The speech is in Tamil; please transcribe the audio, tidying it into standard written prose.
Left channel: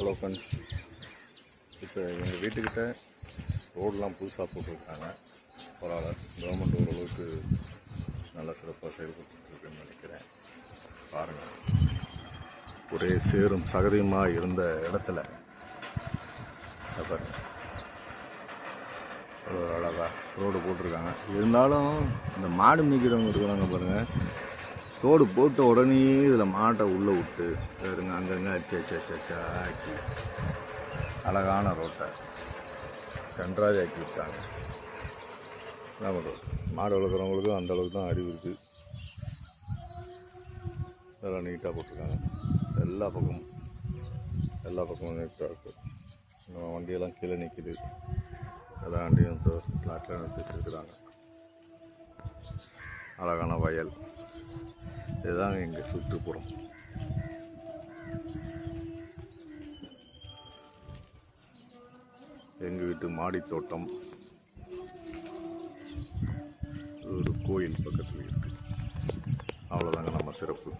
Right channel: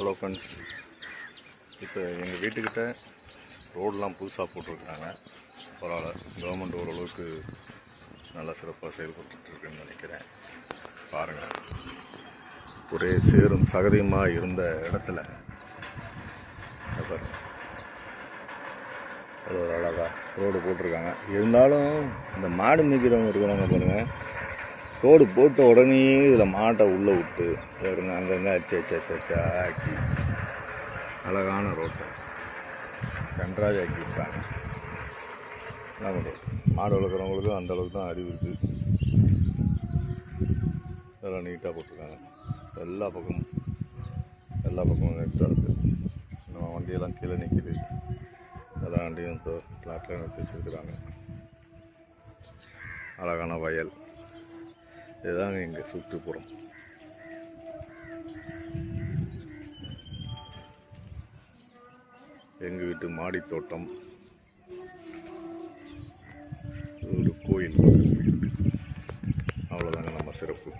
ஹலோ ஃப்ரெண்ட்ஸ், இப்போ எங்கள் வீட்டுக்கிட்ட ரோடெலாம் புதுசாக போட்டிருக்காங்க. பரவாயில்ல, கவர்மெண்ட் ஓரளவுக்கு நல்லா சிறப்பாக செயல்பட்டுருக்குன்னு நினைக்கிறேன். பாருங்கள், ஒரே சேரும் சகதியுமாக இருந்த இடத்துல பாருங்கள் அது ஒரு அழகாக ரோடு போட்டிருக்காங்க. இருந்தாலும் இந்த மாடு மேய்க்கிறவங்க இருக்கிறாங்க பாருங்கள், ரோடு போட்ட உடனே இதில் மாட்டை உள்ளே விட்டு பாருங்க அங்கங்கே ஆக்கி அழகான ரோட்டை கன்றாஜ் ஆக்கியிருக்காங்க. என்ன பண்ணுறது, மாடு வளர்க்குறவங்களுக்கும் அந்தளவுக்கு தான் அறிவு இருக்குது. இதெல்லாம் நீட்டாக போட்டிருக்காங்க. எல்லா பக்கமும் நீட்டாக இருக்குது. நம்ம வண்டியெல்லாம் கீழே நிற்கிது. எல்லா வண்டியும் ஃப்ளாட்டில் நிறுத்தி வச்சுருக்குறாங்க. அழகான வயல், இதுதாங்க எங்கள் சுற்றுப்புறம். எங்கள் வீட்டு மாடி தோட்டம் ஒரு கோயில் பக்கத்தில் இருக்குது. அவ்வளோதாங்க நம்ம சிறப்பு.